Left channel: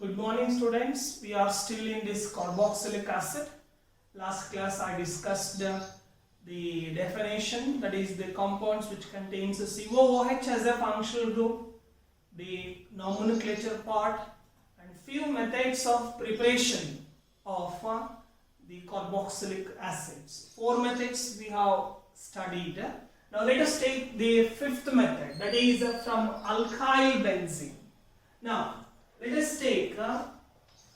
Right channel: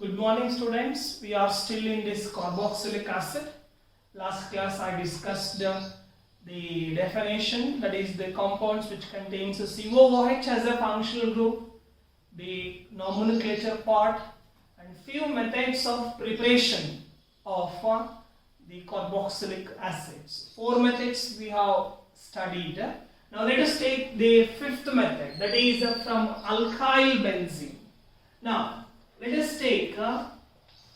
Good morning students. We are still in this carboxylic acid. Last class I discussed the definition, that is the compounds which contains a COOH as a functional group, the nomenclature part, and few methods of preparation of the carboxylic acids. 4 methods we have studied. Now let us take the 5th method, that is from alkyl benzene. Now let us take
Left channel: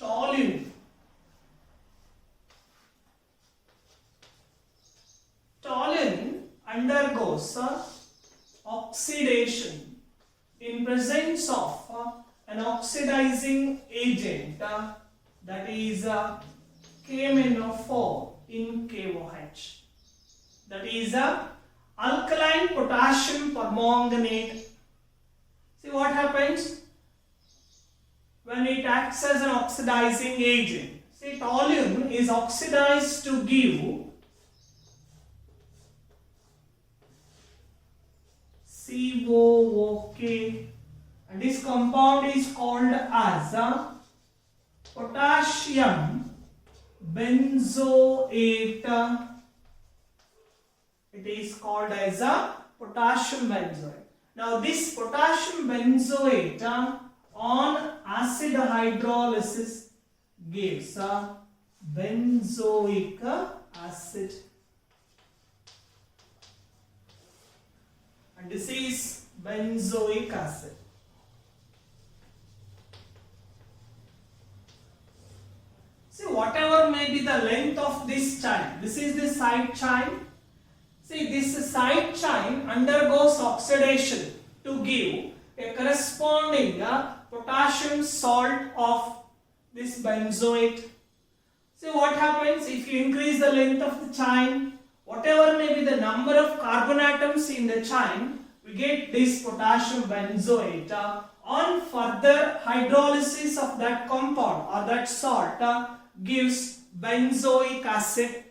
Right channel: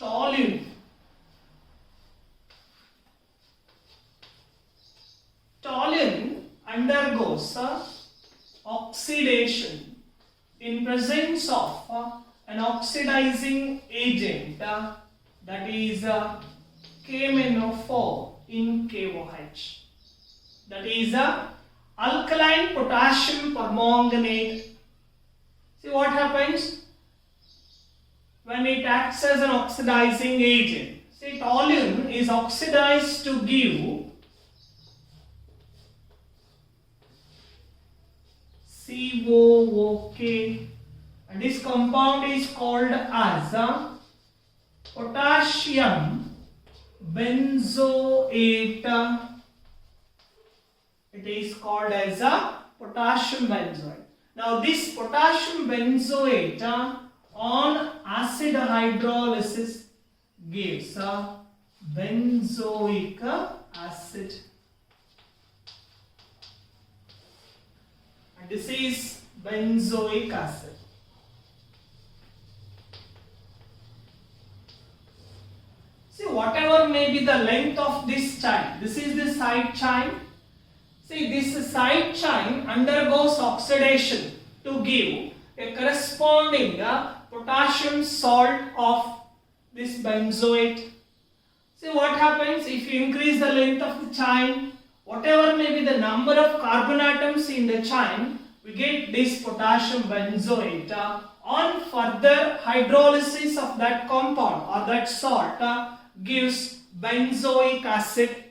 toluene. Toluene undergoes oxidation in presence of an oxidizing agent, that is KMnO4 in KOH. That is alkaline potassium permanganate. See what happens when it acts as an oxidizing agent. See, toluene is oxidized to give COOK, and this compound is called as potassium benzoate. It is called as potassium benzoate. Now this potassium benzoate on acid hydrolysis gives benzoic acid, and this is benzoic acid. See, whatever may be the length of this chain, this is the side chain. See, this side chain undergoes oxidation to give a corresponding potassium salt of this benzoate. See what happens if you increase the length of the chain, whatever may be the number of carbon atoms in the chain, we get this potassium benzoate. On further hydrolysis of that compound or that salt gives benzoic acid.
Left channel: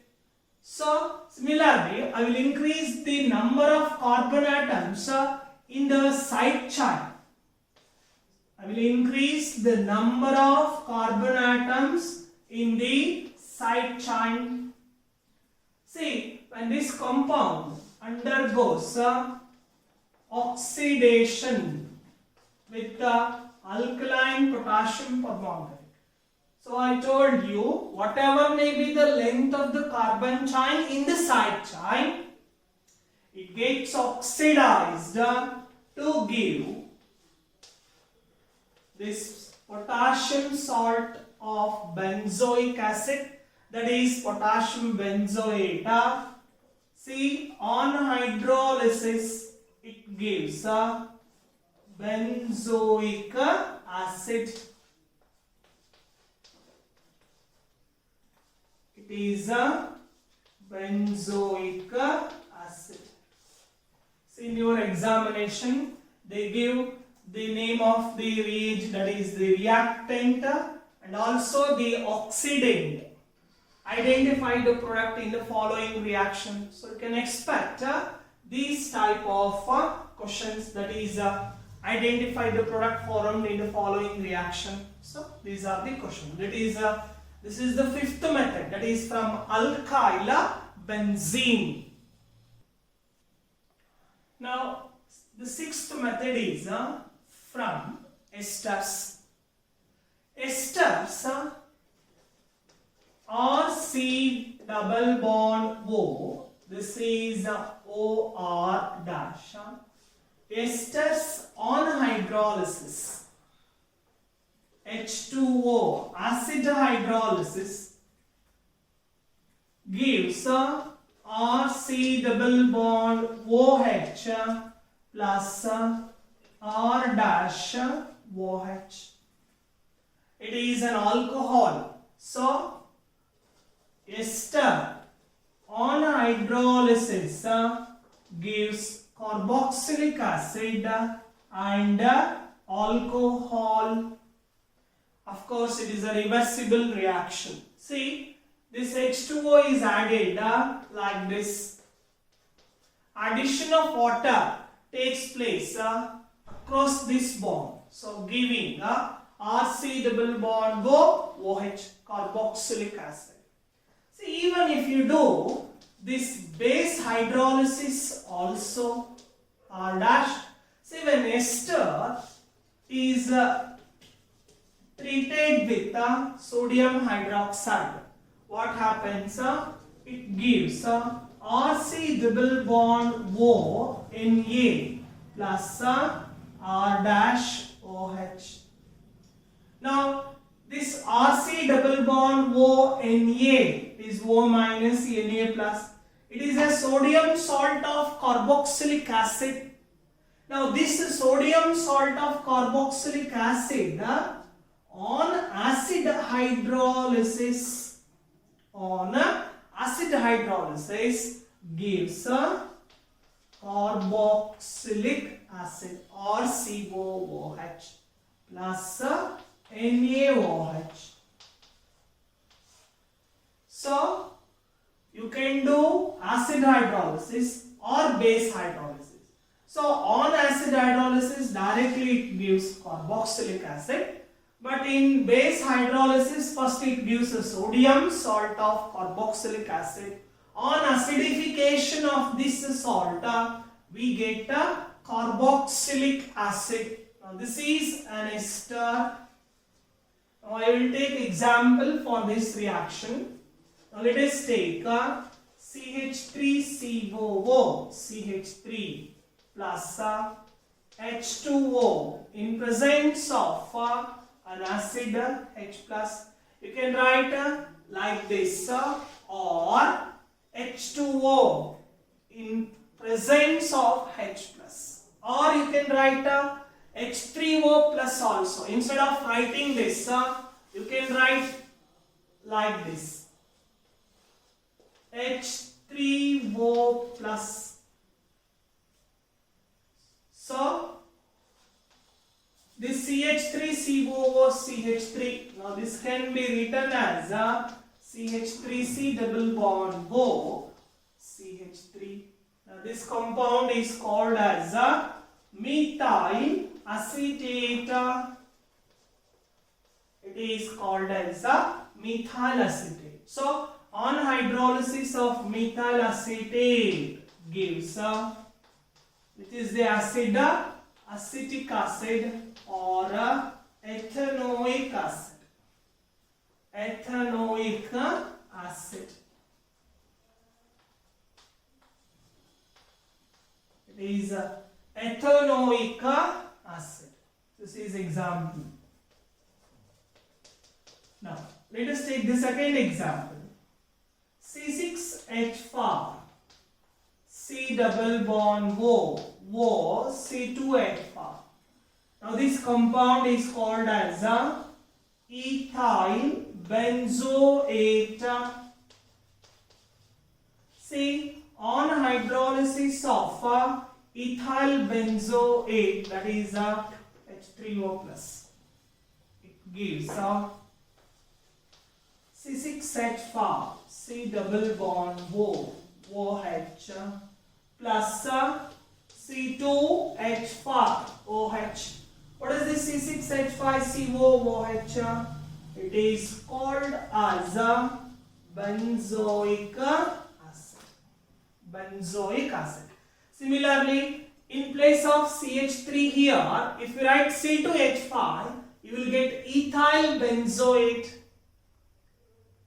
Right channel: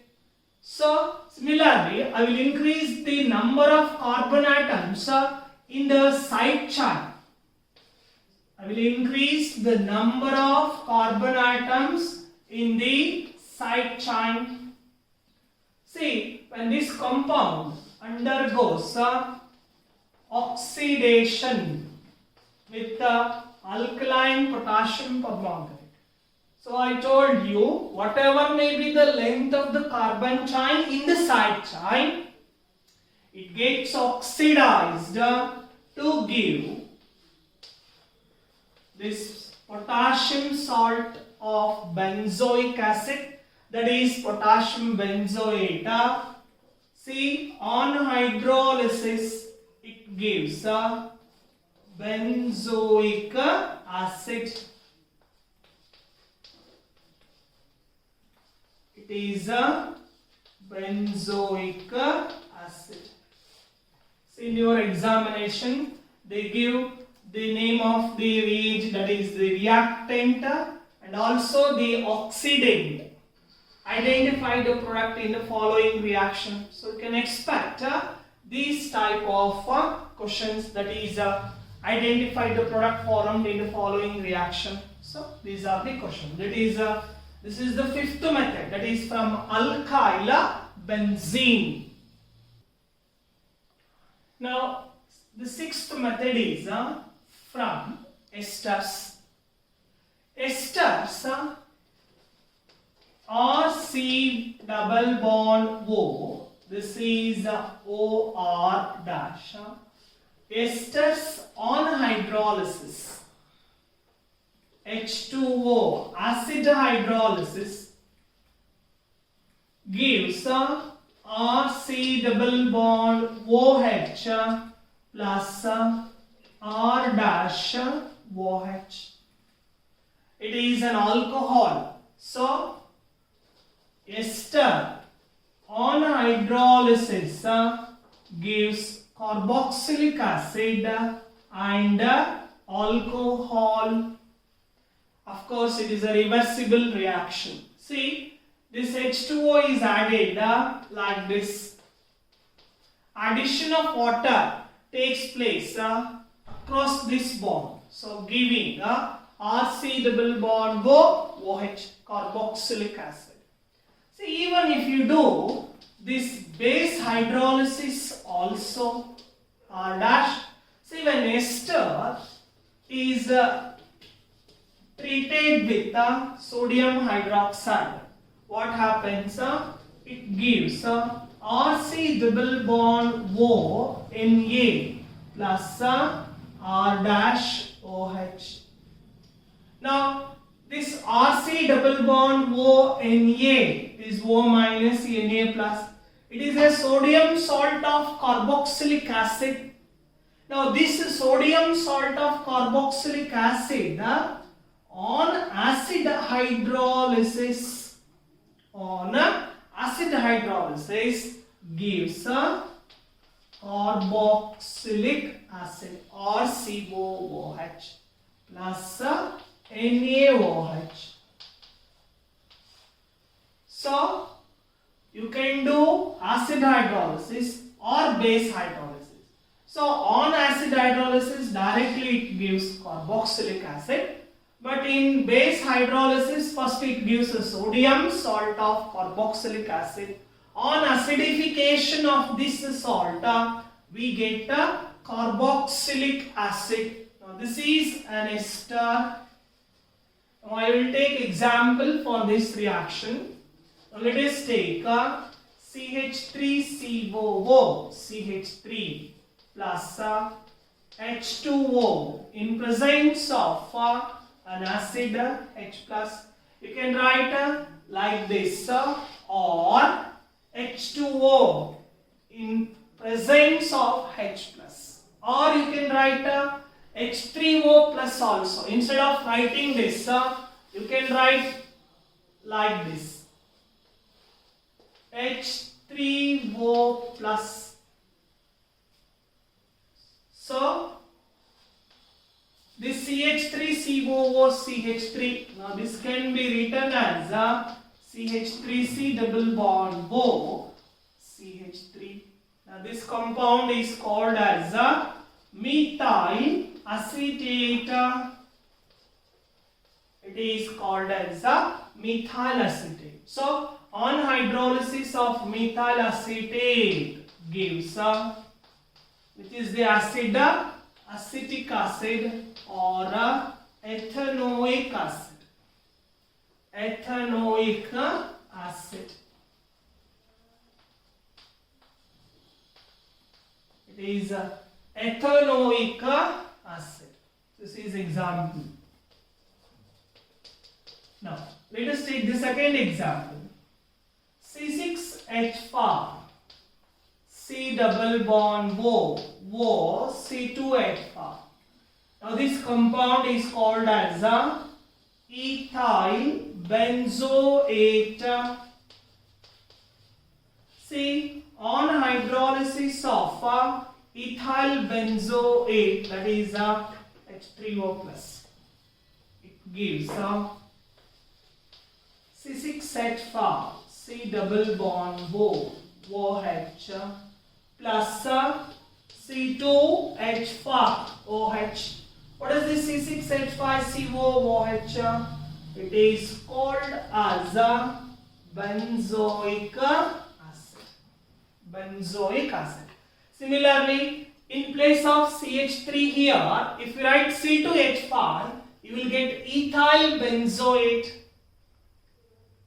So similarly, I will increase the number of carbon atoms in the side chain. I will increase the number of carbon atoms in the side chain. See, when this compound undergoes oxidation with alkaline potassium permanganate. So I told you, whatever may be the length of the carbon chain in the side chain, it gets oxidized to give this potassium salt of benzoic acid, that is potassium benzoate. See, on hydrolysis it gives benzoic acid. It is benzoic acid. See, in your examination they give the name of the reagent, that is the reactant, and also the oxidant. Identify the product in the following reaction. So you can expect these type of questions, that is identify the product formed in the following reaction. So these are the questions. That is this is the 5th method, that is from alkyl benzene. Now the 6th method is from esters. Esters are C double bond O. This is OR dash. Esters on hydrolysis, H2O, acid hydrolysis, gives RC double bond OH plus R dash OH. It is an alcohol. So ester on hydrolysis gives carboxylic acid and alcohol. Of course, it is a reversible reaction. See, this H2O is added like this. Addition of water takes place across this bond. So giving RC double bond OH, carboxylic acid. See, even if you do this base hydrolysis also, R dash, see when ester is treated with sodium hydroxide, what happens? It gives RC double bond O Na plus R dash OH. Now this RC double bond O Na is O minus Na plus. It is a sodium salt of carboxylic acid. Now this sodium salt of carboxylic acid on acid hydrolysis gives carboxylic acid or COOH plus NaOH. So you can do acid hydrolysis or base hydrolysis. So on acid hydrolysis directly it gives carboxylic acid, but in base hydrolysis first it gives a sodium salt of carboxylic acid. On acidification of this salt we get carboxylic acid. Now this is an ester. Now I will take example for this reaction. Now let us take CH3COO, CH3 plus H2O in presence of an acid H plus. You can write like this or H2O in presence of H plus, or you can write H3O plus also. Instead of writing this you can write like this H3O plus. So this CH3COO CH3, now this can be written as CH3C double bond O CH3. Now this compound is called as methyl acetate. It is called as methyl acetate. So on hydrolysis of methyl acetate gives which is the acid, acetic acid or ethanoic acid. Ethanoic acid. It is ethanoic acid. This is example. Now let us take the second example. C6H5 C double bond O C2H5. Now this compound is called as ethyl benzoate. See, on hydrolysis of ethyl benzoate, that is H3O plus, it gives C6H5 C double bond OH plus C2H5 OH. What is this C6H5COOH? It is called as benzoic acid. Benzoic acid. Similarly, in place of CH3 here, if you write C2H5, you will get ethyl benzoate.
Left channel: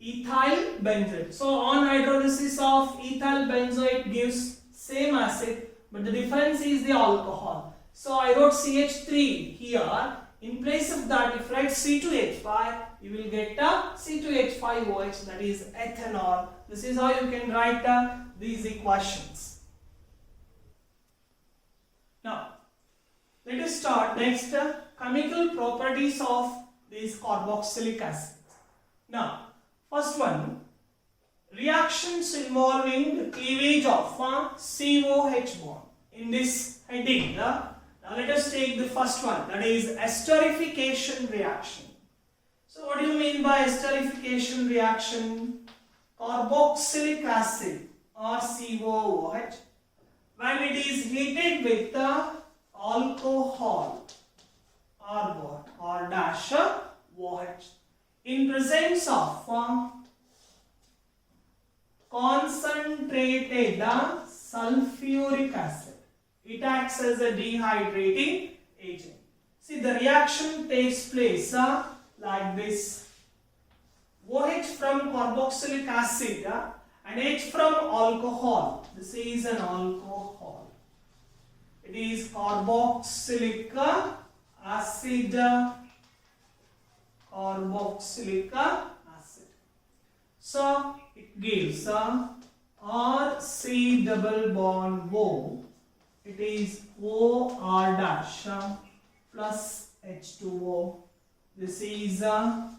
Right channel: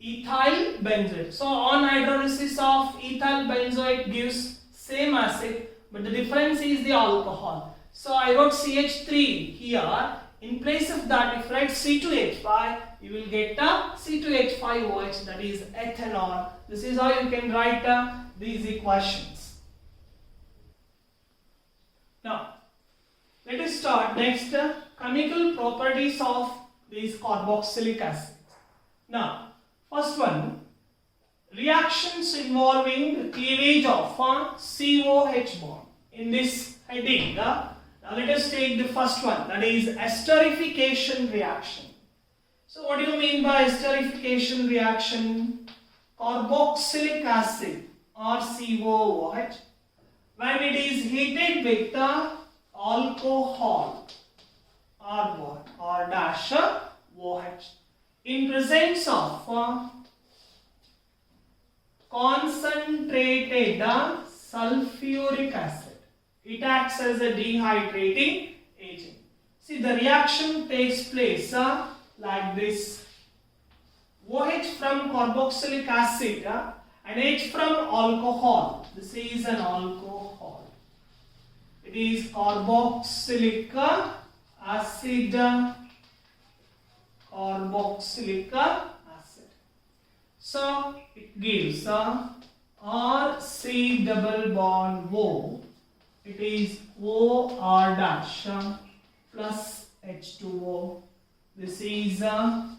Ethyl benzoate. So on hydrolysis of ethyl benzoate gives same acid, but the difference is the alcohol. So I wrote CH3 here. In place of that, if you write C2H5, you will get C2H5OH, that is ethanol. This is how you can write these equations. Now, let us start next chemical properties of these carboxylic acids. Now, first one, reactions involving the cleavage of COH bond. In this heading, now let us take the first one, that is esterification reaction. So what do you mean by esterification reaction? Carboxylic acid or COOH, when it is heated with alcohol or what? R dash OH. In presence of concentrated sulfuric acid, it acts as a dehydrating agent. See, the reaction takes place like this. OH from carboxylic acid and H from alcohol. This is an alcohol. It is carboxylic acid. Carboxylic acid. So it gives RC double bond O. It is OR dash plus H2O. This is an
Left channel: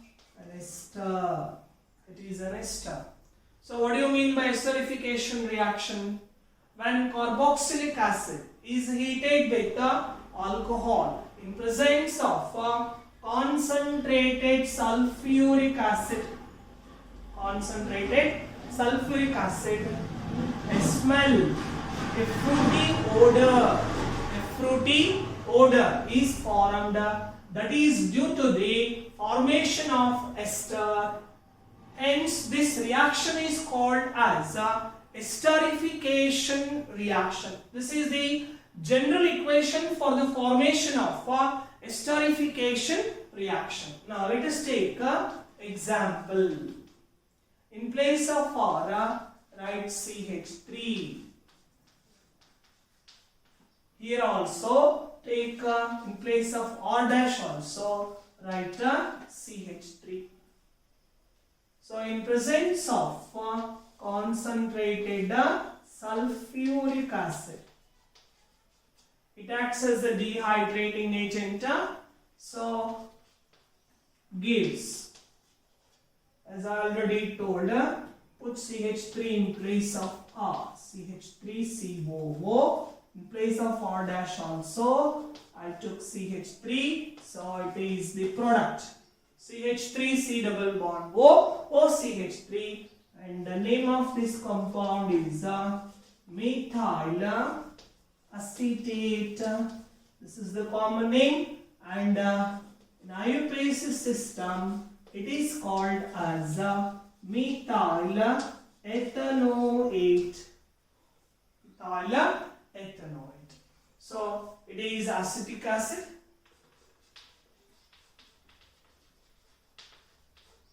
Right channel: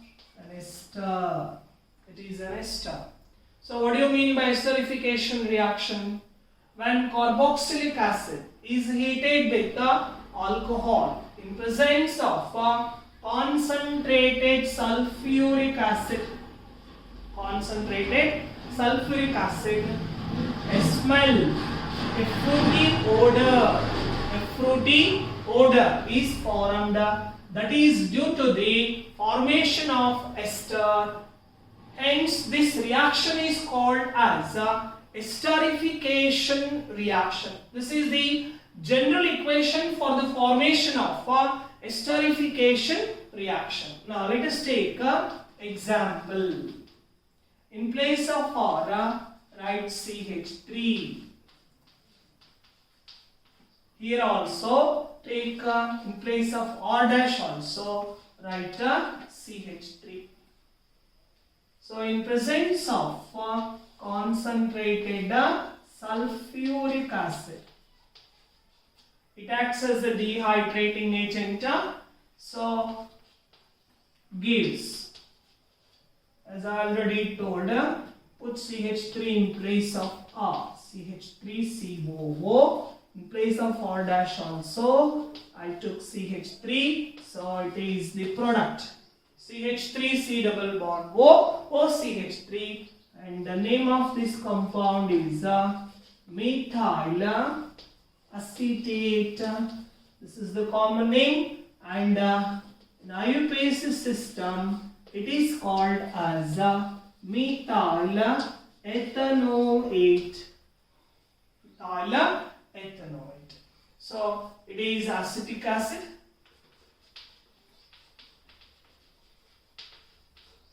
ester. It is an ester. So what do you mean by esterification reaction? When carboxylic acid is heated with alcohol in presence of concentrated sulfuric acid. Concentrated sulfuric acid. A smell, a fruity odor is formed. That is due to the formation of ester. Hence, this reaction is called as esterification reaction. This is the general equation for the formation of esterification reaction. Now, let us take an example. In place of R, write CH3. Here also take in place of R dash also write CH3. So in presence of concentrated sulfuric acid, it acts as a dehydrating agent. So gives, as I already told, put CH3 in place of R. CH3COO. In place of R dash also, I took CH3. So it is the product. CH3C double bond O, OCH3, and the name of this compound is methyl acetate. This is the common name, and in IUPAC system it is called as methyl ethanoate. Methyl ethanoate. So it is acetic acid.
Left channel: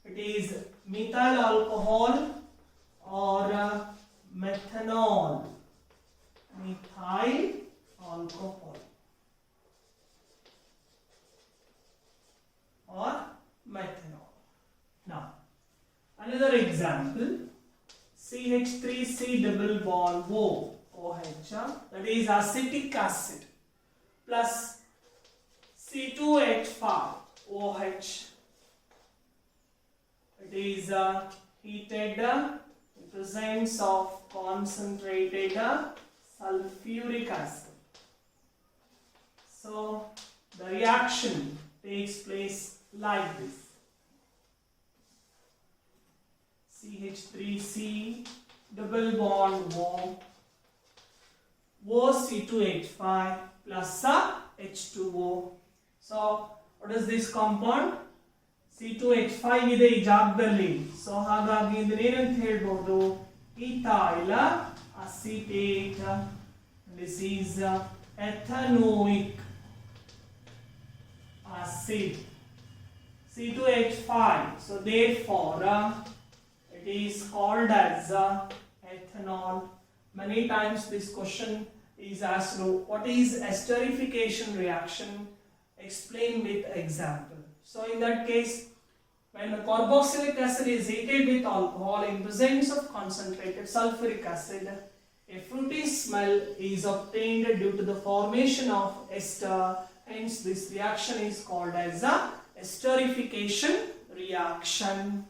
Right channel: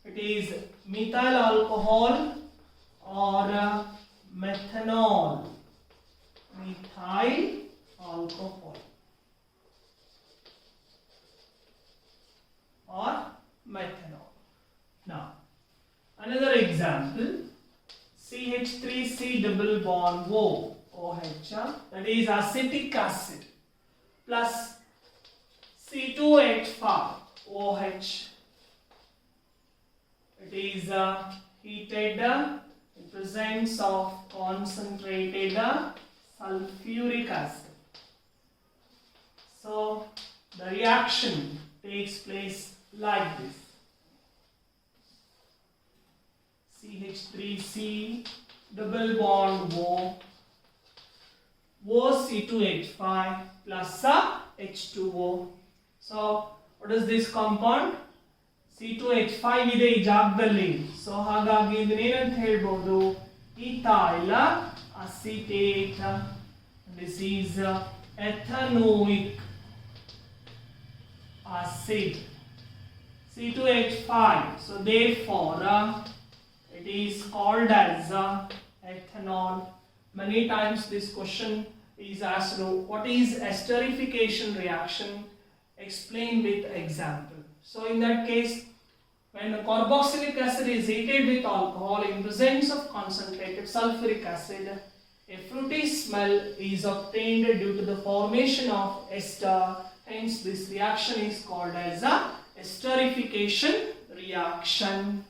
It is methyl alcohol or methanol. Methyl alcohol or methanol. Now, another example, CH3C double bond O, OH, that is acetic acid, plus C2H5 OH. It is heated in presence of concentrated sulfuric acid. So the reaction takes place like this. CH3C double bond O, OC2H5 plus H2O. So what is this compound? C2H5 ಇದೆ ಈ ಜಾಗದಲ್ಲಿ. So ಹಾಗಾಗಿ ಇದನ್ನೇನಂತ ಹೇಳ್ಬೋದು? ethyl acetate. This is ethanoic acid. C2H5. So therefore it is called as ethanol. Many times this question is asked, what is esterification reaction? Explain with example. So in that case, when the carboxylic acid is heated with alcohol in presence of concentrated sulfuric acid, a fruity smell is obtained due to the formation of ester. Hence, this reaction is called as a esterification reaction.